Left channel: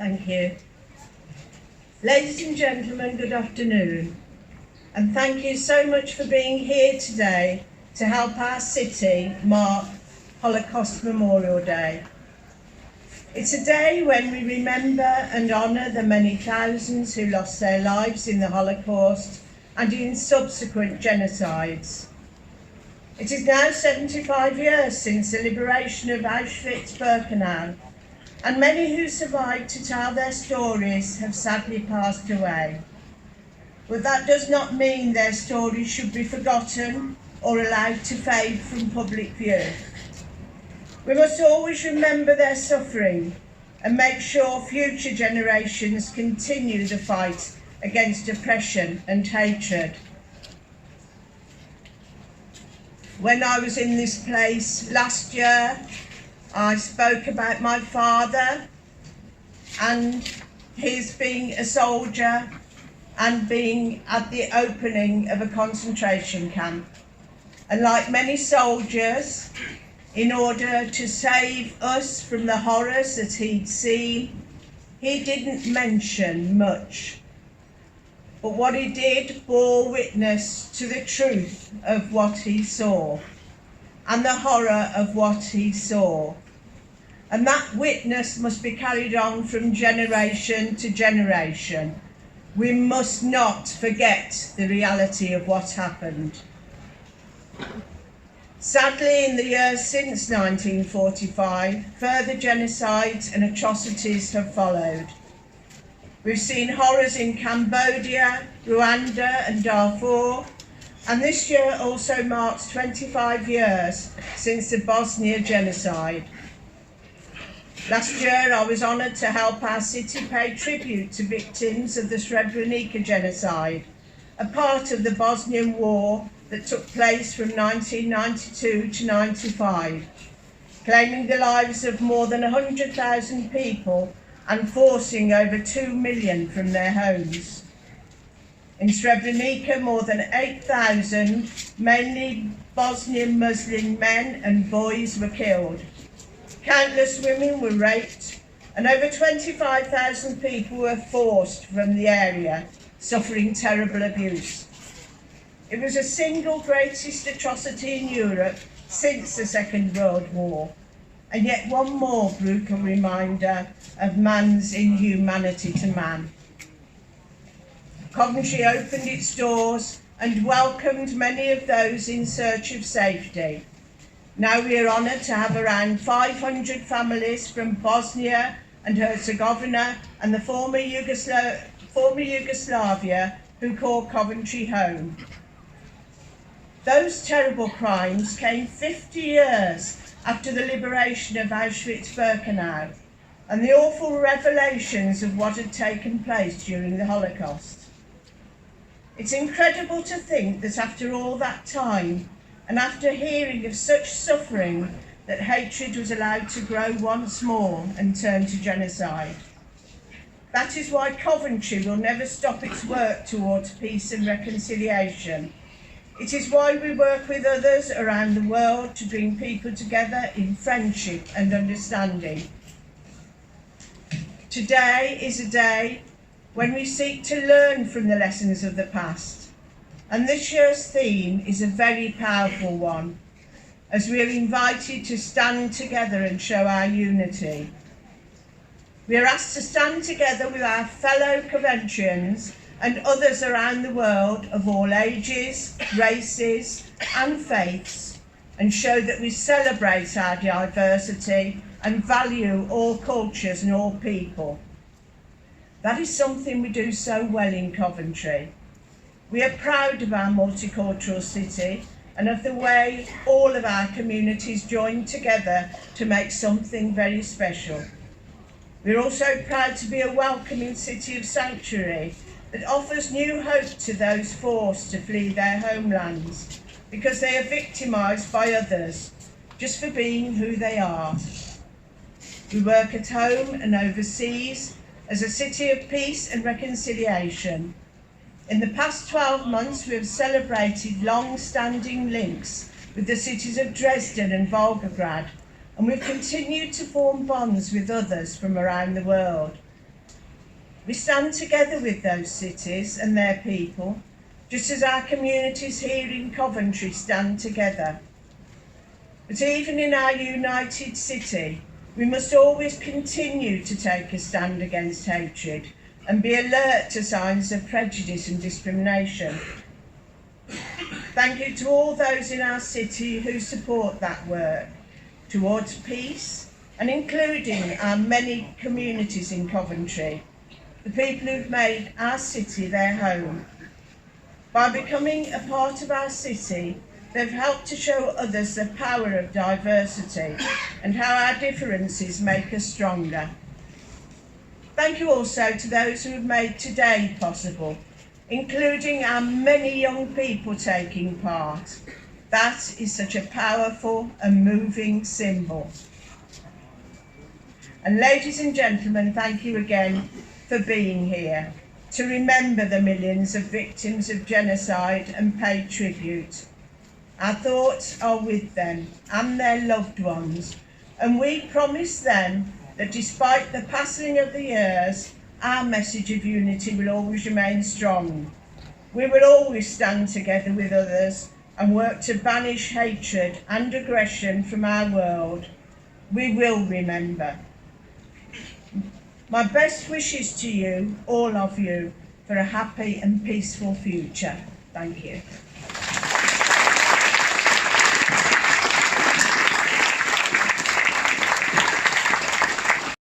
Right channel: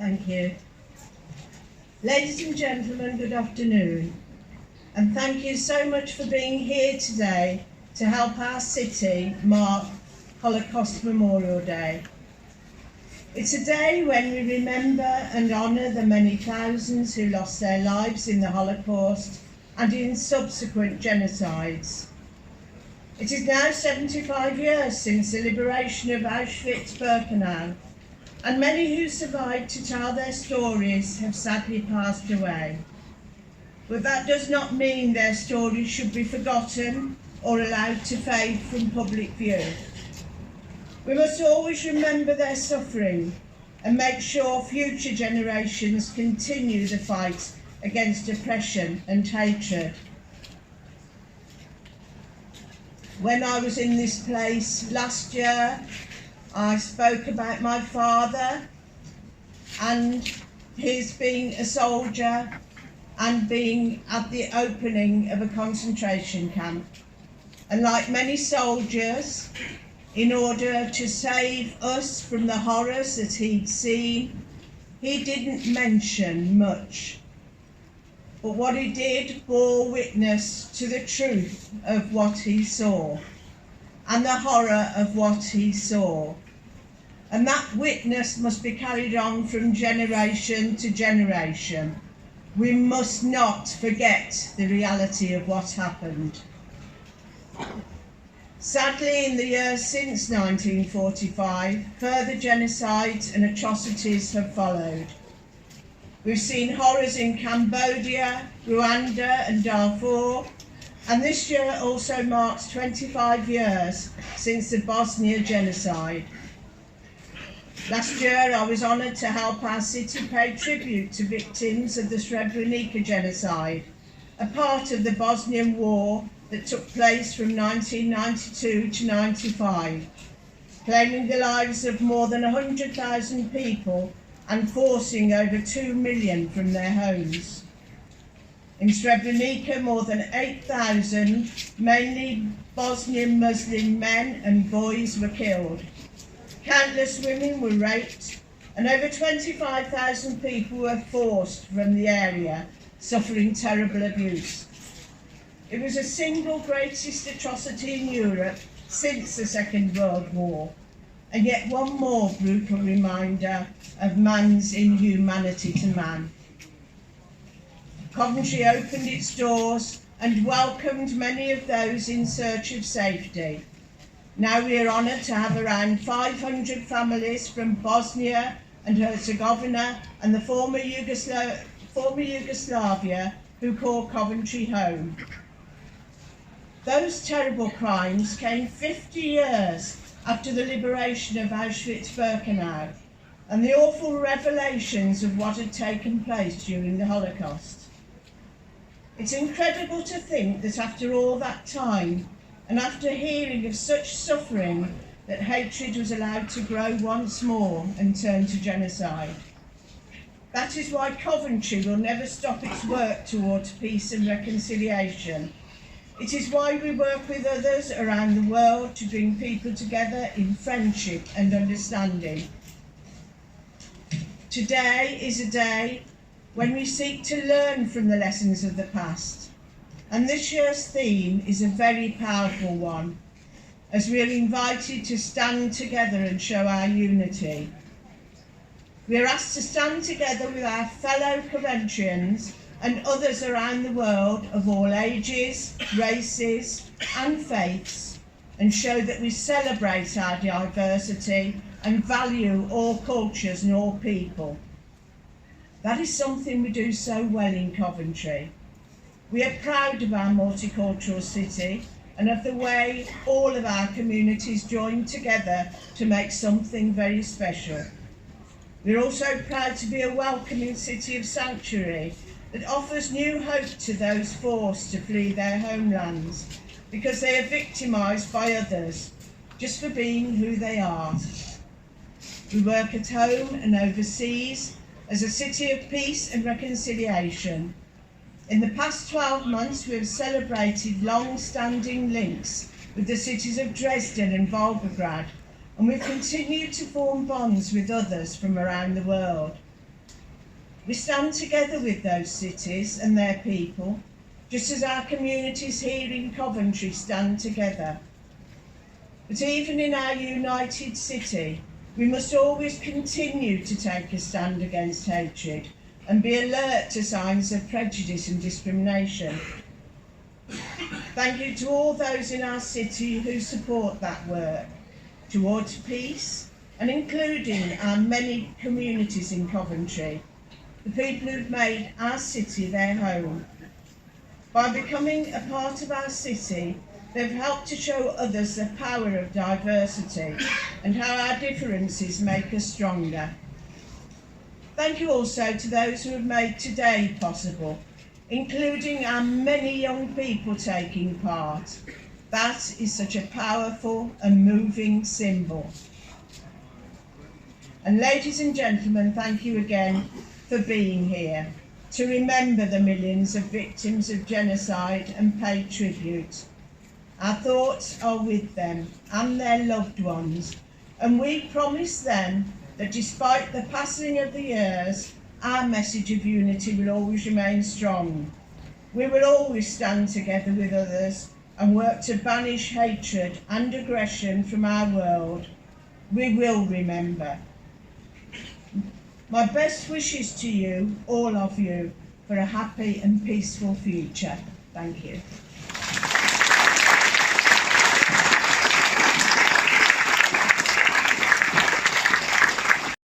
Thank you. Ladies and gentlemen, good afternoon, and thank you so much for being here today to help our city mark Holocaust Memorial Day. It's a day when we remember and honour the many thousands who lost their lives in the Holocaust and in subsequent genocides. It is now 75 years since the liberation of Auschwitz-Birkenau, and many who survived to tell their stories have sadly passed away. But that does not mean their stories should be forgotten or allowed to fade from public view. We must always remember their suffering and make sure future generations continue the fight against oppression and hatred. When I was in this place last year, I spoke about my father and his being a soldier and being at the opening of a concentration camp. And like many soldiers, in order to save us from the horrors that he'd seen, he didn't mention much. But what he did bore witness to the truth of what he saw and the horror of what he saw. And that witness must be carried on from generation to generation. We must not forget the reality of what happened. Sadly, in the years since 1945, further genocides and atrocities have followed. We've seen horrors in Cambodia, Rwanda and Darfur, and this year also marks 25 years since the Bosnia genocide. Last year I was honoured to help our city pay tribute to victims of the Srebrenica genocide, a part of the Bosnian War that took place from 1992 to 95, claiming the lives of more than 100,000 people and forcing over 2 million from their homes. In Srebrenica, more than 8,000, mainly Bosnian Muslim men and boys were killed. Countless women were raped, and over 25,000 people were forced from the area, suffering terrible abuse. It was the single greatest atrocity in Europe since the Second World War, and yet one more brutal reminder of man's inhumanity to man. Coventry opened its doors and welcomed many of those in search of safety. Now we are honoured to have around 500 families from Bosnia and Herzegovina and the former Yugoslavia who call Coventry home. Those terrible crimes came 50 years after the liberation of Auschwitz-Birkenau and the awful revelations of what had taken place during the Holocaust. It's incredible to think that after all that time, and after hearing of such suffering, that hatred was allowed to grow once more and turn to genocide. That is why Coventry will never stop its work towards peace and reconciliation. It is why we work with others around the world to bring people together in friendship and understanding. Today is a day when we seek to learn from the lessons of the past. And this year's theme is a very powerful one, as we are invited to stand together and show our unity. We are asked to stand together with our fellow Coventrians and others around the world of all ages, races and faiths, and show that we celebrate our diversity and value all cultures and all people. That is something we do so well in Coventry. We are proud of our multicultural city and of the way all of our communities join together to make something very special. We're also proud to be a welcoming city of sanctuary that offers new hope to those forced to flee their homelands because they are victimised by others just for being who they are. We work at home and overseas as a city of peace and reconciliation. In the past 12 months, we have celebrated long-standing links with the cities of Dresden and Volgograd, and we've continued to form bonds with others from around the world. We stand together with those cities and their people, just as our communities here in Coventry stand together. But even in our united city, we must always continue to take a stand against hatred and be alert to signs of prejudice and discrimination. Thank you to all those in our city who support that work towards peace, and including our many communities in Coventry, the people who've made our city their home. By becoming a part of our city, they've helped to show others the power of diversity and how our differences make us stronger. Thank you also to those who have made today possible, including our many young people taking part. That is such a powerful and moving symbol. And ladies and gentlemen, thank you again for being here to remember the millions of victims of genocide and pay tribute. Our thoughts are with them and their loved ones, and we promise them that despite the passing of the years, our message of unity will always remain strong. We will always stand together with others and work to banish hatred and aggression from our world. We will remember. My best wishes to you, all of you, for a happy and peaceful future. Thank you.